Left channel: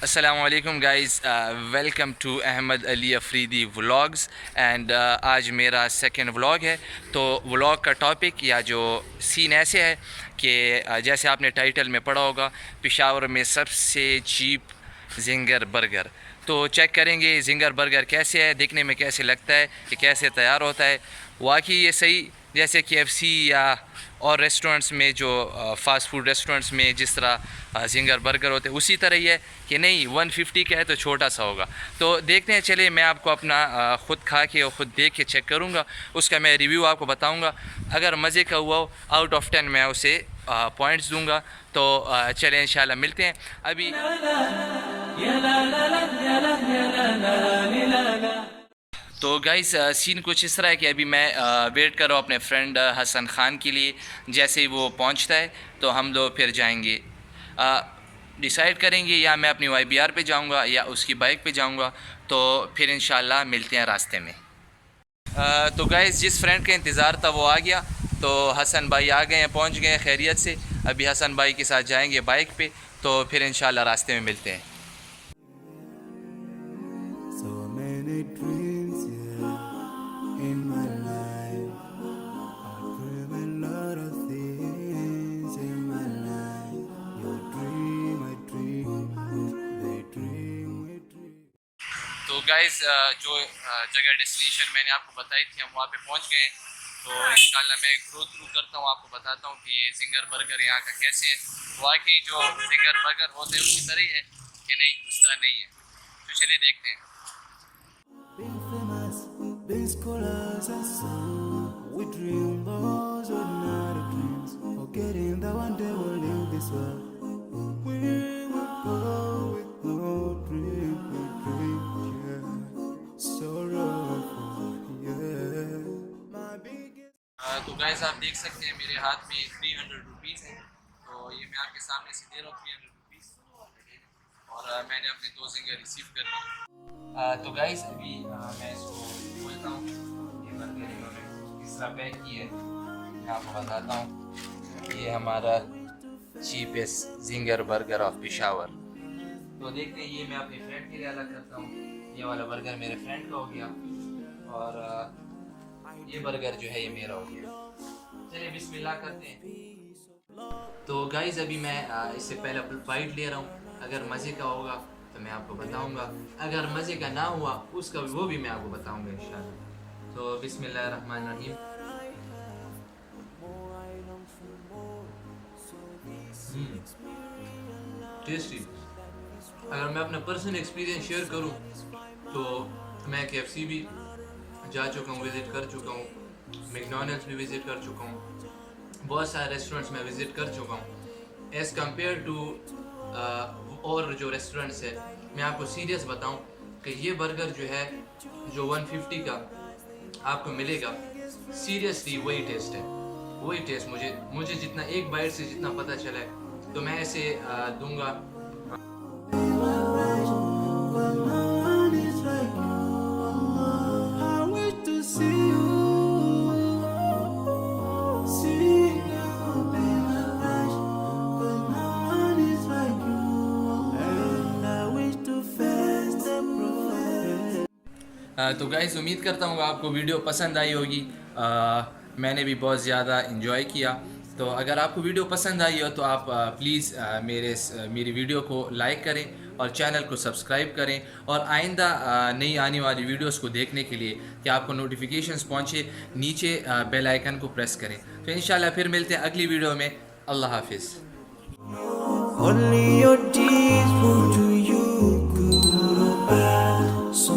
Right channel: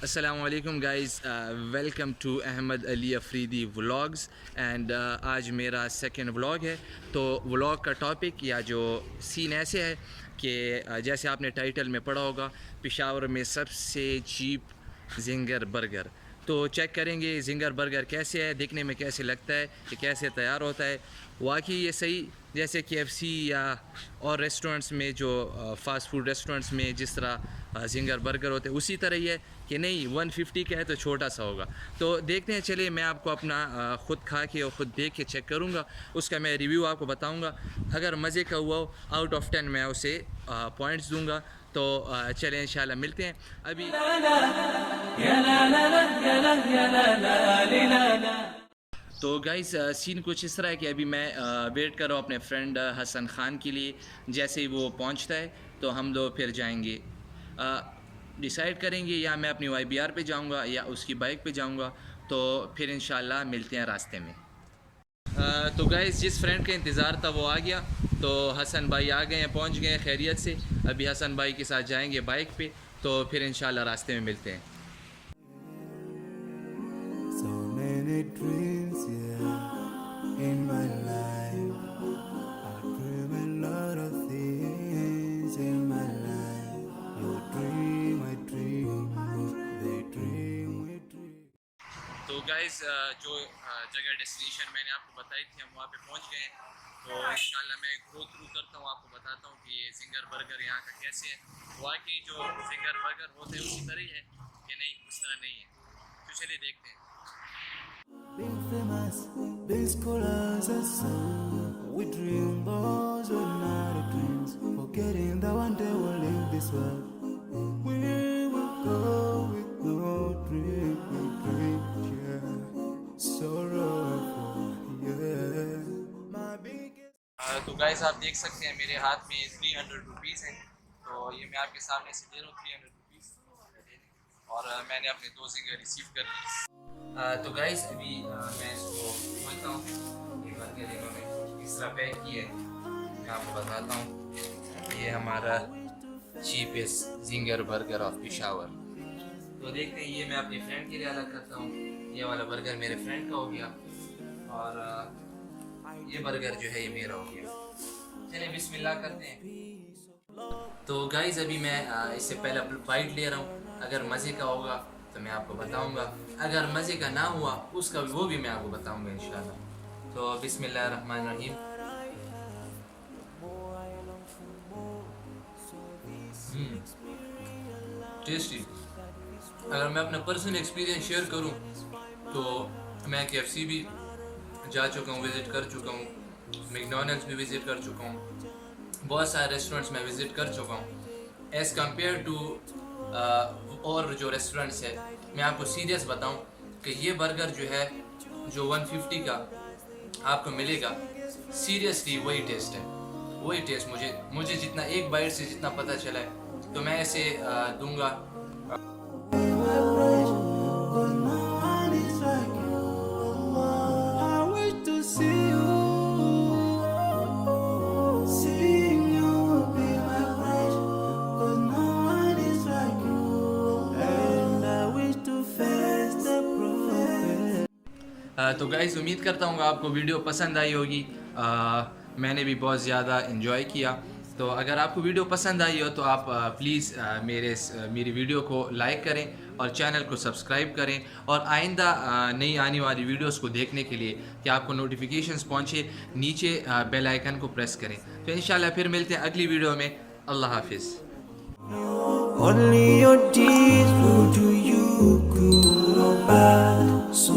Assalamualaikum guys, welcome to Ahmed Ali Afridi vlogs and आज मेरा second vlog है। तो व्लॉग का टॉपिक या जो सीन ऐसे है कि जैसे आपने टाइटल में पढ़ा होगा, पेशावर में सबसे चीप जिंगर बर्गर। तो चेक करेंगे जिंगर बर्गर कैसे है, दिखने में कैसे लगता है, कि कैसे तैयार होता है। वाकई ये सही जैसे KFC या और रेस्टोरेंट्स में जो फ़ास्ट फूड रेस्टोरेंट्स में जिस तरह जिंगर बर्गर होते हैं उसी तरह ही है कि नहीं 150 का है तो छोटा सा होगा। तो देखते हैं, चलिए मैं आपको अपना ख़ुद खा के और ख़ुद देख के चेक करूँगा, उसका मैं रिव्यू आपको बताऊँगा। अगर मज़े का हुआ हो आउट ऑफ 10 मैं उसे पॉइंट्स दूँगा। तो चलें इंशाल्लाह मिलते हैं अभी। तो गाइस सीन कुछ इस तरह है कि अभी मैं वेट कर रहा हूँ अपने फ्रेंड हसन ख़ान के लिए। जैसे ही वो पहुँचता है तो हम लोग फिर जाएंगे, डिसाइड करेंगे या मैं अपनी YBR पे जाऊँगा या उसकी बाइक पे जाऊँगा। तो फिर इंशाल्लाह मिलते हैं रास्ते में। तो गाइस जिस फ्रेंड का इंतज़ार था वो आ गया। तो हसन भाई आ गए हैं, पहुँच गए हैं खैरियत से। अभी हसन भाई के साथ जाएंगे बाइक पे, तो फिर इंशाल्लाह रास्ते में मिलते हैं। So many dreams, yeah, in my life. I dream a lot of things in my life. You dream, I dream, they dream, we dream. तो गाइस जो जगह डेस्टिनेशन मैंने आपको बताई थी हम वहाँ पे पहुँच गए हैं। तो इंशाल्लाह मैं ग्रो थ्रू करता हूँ, आपको बताता हूँ कि ये जिंगर बर्गर यहाँ का कैसे है। वाकई जो जिंगर बर्गर होते हैं उसी तरह ही है कि नहीं, उस तरह नहीं है। तो चलिए देखते हैं। Being famous, being scholars and so we dream those ordinary dreams, forgetting that one day we'll leave this world. We will go with no dream, we dream, yeah, sorrowful, yeah. My biggest. तो guys आप देख सकते हैं मेरे हाथ में 300 rupees हैं। तो ये मैं आपके सामने से दे रहा हूँ 300 रुपीज़, और मैंने अपने 2 जिंगर रिसीव कर लिए। तो गाइस अभी मैं इसको खोलता हूँ। ये बर्गर इन्होंने इस तरह पैक किया है, मैं आपको बताता हूँ। ये हमारा cheapest ginger burger of Peshawar. तो देखते हैं, ये मैं अपने फ्रेंड के लिए अलग करता हूँ। ये वाला बर्गर मेरे फ्रेंड का हो गया और ये बर्गर जो है ये मेरा हो गया। चलिए बिस्मिल्लाह करते हैं। तो गाइस अभी मैं इससे पहले बाइट ले रहा हूँ। अगर मज़े का होगा तो मैं आपको बताऊँगा, अगर मज़े का ना हुआ उसका वो भी मैं आपको बताऊँगा इंशाल्लाह। तो बिस्मिल्लाह रहमान रहीम। टेस्टी। अगर मैं अपना पर्सनल एक्सपीरियंस शेयर करूँ तो मैं KFC भी जा चुका हूँ, विज़िट कर चुका हूँ, मैकडॉनल्ड्स भी विज़िट कर चुका हूँ, बहुत सारे रेस्टोरेंट्स में विज़िट कर चुका हूँ। एज़ कम्पेयर टू और जो रेस्टोरेंट्स है, मैं आपको सीरियस बताऊँ कि ये बर्गर जो है जो 150 का आपको मिलेगा, सीरियसली वही टेस्ट है, वही टेस्ट मुझे जितना एक बाइट से जितना पता चला है, तो मैं इसे दूंगा। तो गाइस उम्मीद करता हूँ आपको वीडियो पसंद आई होगी। मैंने भी बहुत ज़्यादा इन्जॉय किया। तो अगर आपको वीडियो पसंद आई हो तो आप प्लीज़ मेरी वीडियो को लाइक करें और चैनल को सब्सक्राइब करें, और आइंदा नई आने वाली वीडियोस को देखने के लिए कि आपको नोटिफिकेशंस पहुँचे, नीचे बेल आइकन को प्रेस करें। तो इंशाल्लाह फिर मिलते हैं अगली वीडियो में। अल्लाह हाफिज़। Only your deeds will do you good or bad. So